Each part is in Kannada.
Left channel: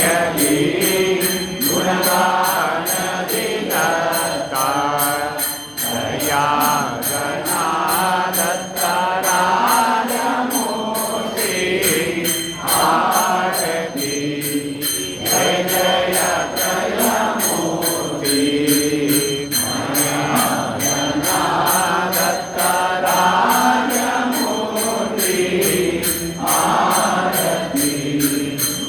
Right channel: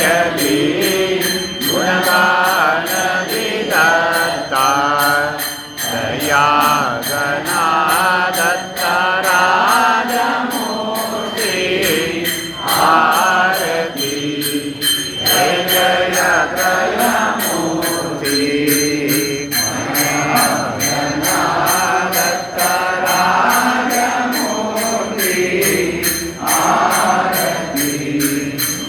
जयति गुणगानदि दत्ता दया गणा दत्ता राजमूर्ति आरती जय जय त्रयमूर्ति गणा दत्ता राजमूर्ति आरती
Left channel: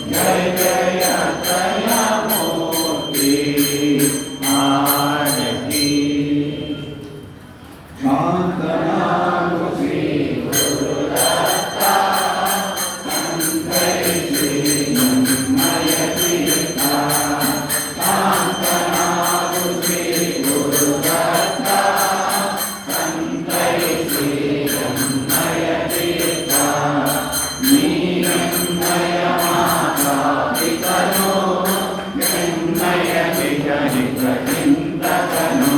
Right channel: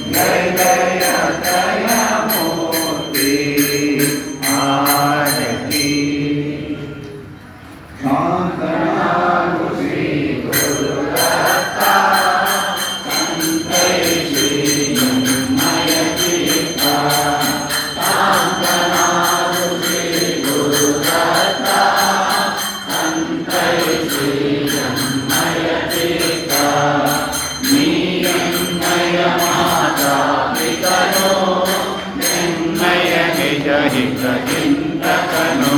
जय जय त्रयमूर्ति आरती शांतनागु श्री गुरुदत्ता संतैषी जन्मय चित्ता शांतनागु श्री गुरुदत्ता संतैषी जन्मय चित्ता नीयन्नय माता पितरो निन्नय निज हित चिन्तकनो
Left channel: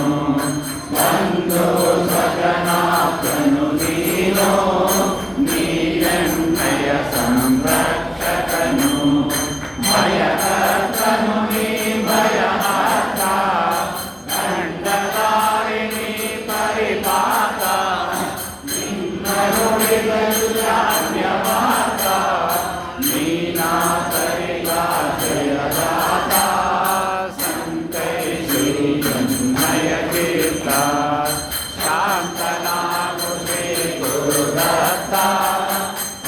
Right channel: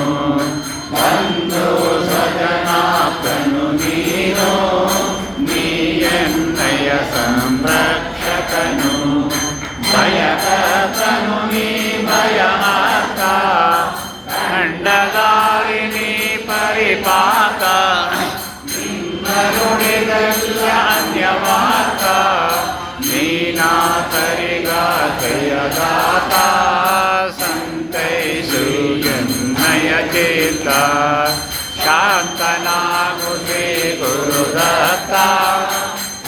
बंधु स्वजनाप्तनु नीनो नीयन्नय संरक्षकनु भयकर्तनु नी भयहर्ता खण्डधारिणी परिपात निन्नरुणिदन्यवार्ता नीनाथरिगाथयदाता संतैषु जन्मय चेता शांतनागु श्री गुरुदत्ता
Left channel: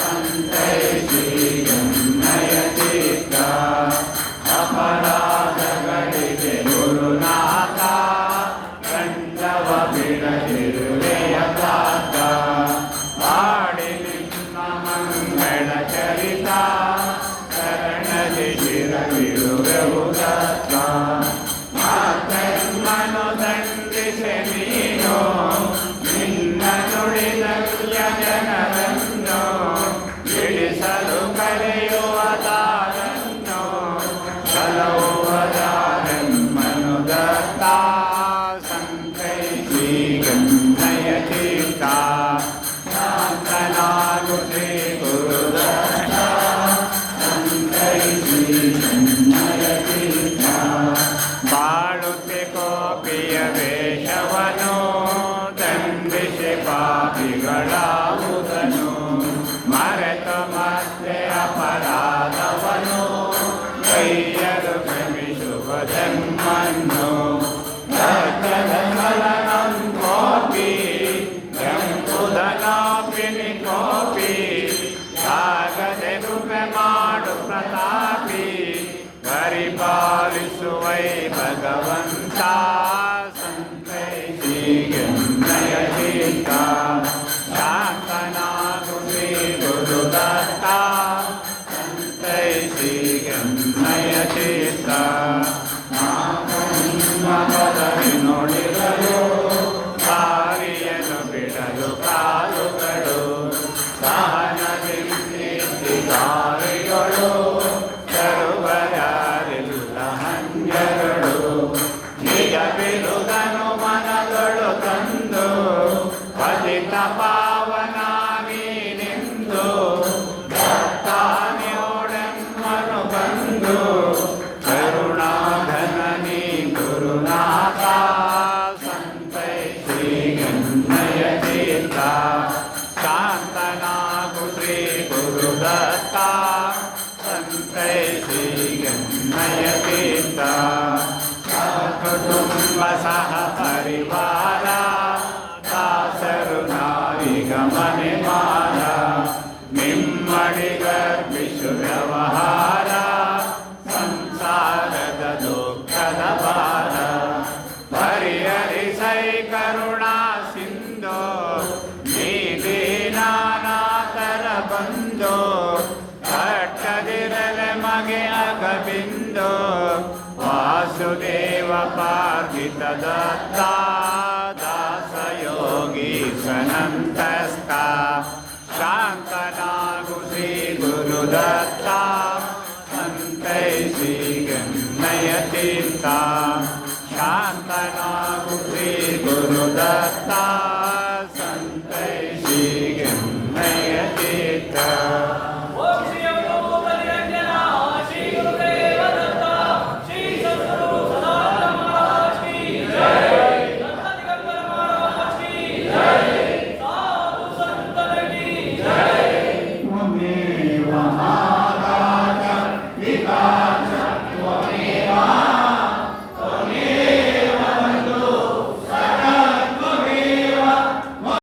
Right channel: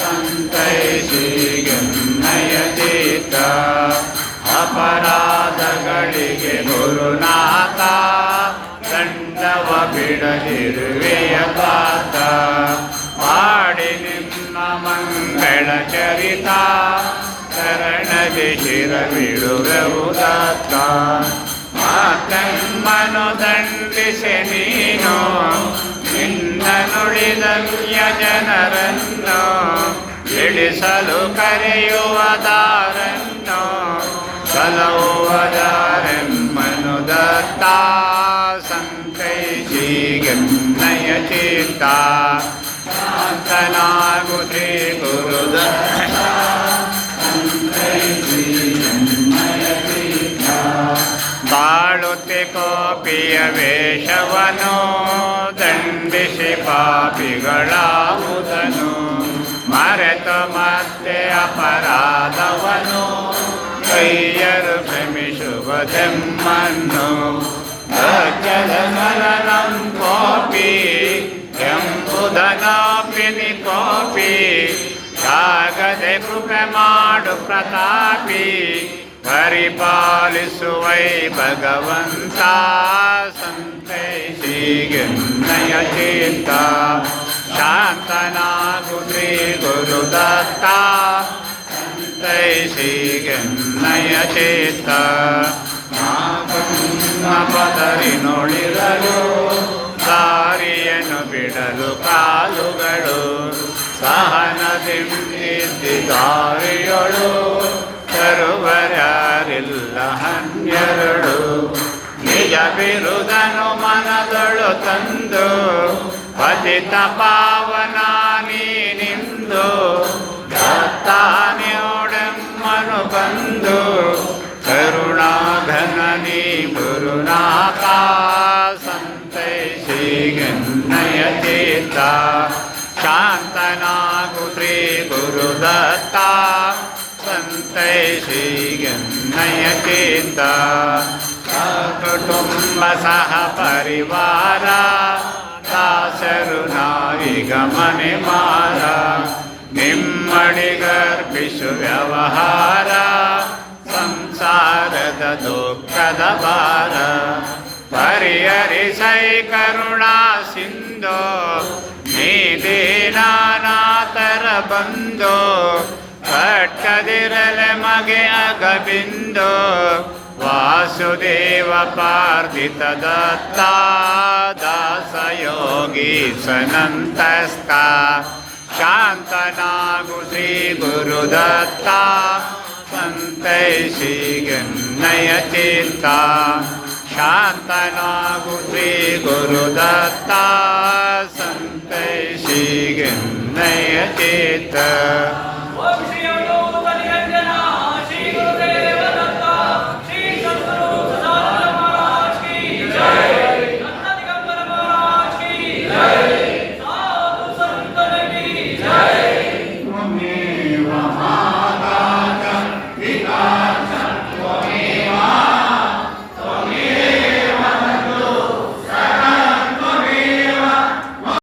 संतैषु जन्मय चेता अपराधಗಳಿಗೆ ಗುರುನಾಥ ದಂಡವ ಬಿಡದಿರುವೆಯ ತಾತ ಮಾಡಿ ನಿನ್ನ ಮಂಗಳ ಚರಿತ ಶರಣಗೆ ಶಿರವಿಡುವೆವು ದತ್ತ ಮಾತಮ್ಮನು ದಂಡಿಸೆ ನೀನು ನಿನ್ನ ನುಡಿದವ್ಯ ಜನರನ್ನು ಇಳಿಸಲು ಕರೆಯುವ ದಾರನ್ನು ಸಲಹುವದಾರೆಮ್ಮನು ದತ್ತ ಸಂತೈಷಿ ಗನ್ನಯ ಚಿತ್ತ ಶಾಂತನಾಗು ಶ್ರೀ ಗುರುದತ್ತ ಸಂತೈಷಿ ಗನ್ನಯ ಚಿತ್ತ ಬಾಳುತ್ತೆ ಕೋಪಿಯ ವೇಷವನು ದಂಡಿಸಿ ಪಾಪಿಗಳಾವುದನು ಮರೆತು ಮತ್ತೆ ಅಪರಾಧವನು ಕೈಯರು ಕ್ಷಮಿಸುವುದೆಮ್ಮನ್ನು ರಾಜ್ಯದ ಮರಣಂ ಕೋಪಿ ಎಂಬುದನಾಪಿನಿ ಕೋಪಿ ಸಾಗದೆ ಕೃಪೆ ಮಾಡು ಪ್ರತಾಪಿ ಪರಿಪಾಲಿಸುವೈ ಭಗವಂತ ಸಂತೈಷಿ ಗನ್ನಯ ಚಿತ್ತ ಶಾಂತನಾಗು ಶ್ರೀ ಗುರುದತ್ತ ಸಂತೈಷಿ ಗನ್ನಯ ಚಿತ್ತ ಪದರಿ ನೋಡಿರಲು ದಾರಿಯನ್ನು ಬಿಡಲು ಕಾಲುಗಳು ಸಹನದಿಂದಿದ್ದಿ ದಾರಿಯೊಳು ತರುವರ್ಯಾರಿಲ್ಲ ಹನ್ನೆರಡು ನಿಜ ಬಿರುದನು ಮನದೊಳು ತಂದು ಪತಿತ ಪಾವನ ನೀನಿಂದು ದತ್ತಾನ್ಯೋಡೆಮ್ಮನು ಬಂದು ಕರುಣಾಘನ ನೀ ಗುರುನಾಥ ಸಂತೈಷಿ ಗನ್ನಯ ಚಿತ್ತ ಶಾಂತನಾಗು ಶ್ರೀ ಗುರುದತ್ತ ಸಂತೈಷಿ ಗನ್ನಯ ಚಿತ್ತ ಕುಟುಂಬ ಸಹ ಪರಿವಾರ ದಾಸರು ನಾವಿಗ ಮನೆ ಮಾರ ನಿಮ್ಮಡಿಗರ್ಪಿಸು ವ್ಯವಹಾರ ಸಂಸಾರದ ದುಃಖದ ಭಾರ ಪರಿಹರಿಸೈ ಕರುಣಾ ಸಿಂಧು ನೀ ದೀನಾನಾಥರ ಬಂಧು ಕಟ್ಟದಿರಲೆ ಮಗೆ ಅಗಬಿಂದು ವಾಸುದೇವ ಪಾರ್ಥಿತ ದತ್ತ ದಾಸಯೋಗಿ ಸನಂತಸ್ಥ ಶಾಂತನಾಗು ಶ್ರೀ ಗುರುದತ್ತ ಸಂತೈಷಿ ಗನ್ನಯ ಚಿತ್ತ ಶಾಂತನಾಗು ಶ್ರೀ ಗುರುದತ್ತ ಸಂತೈಷಿ ಗನ್ನಯ ಚಿತ್ತ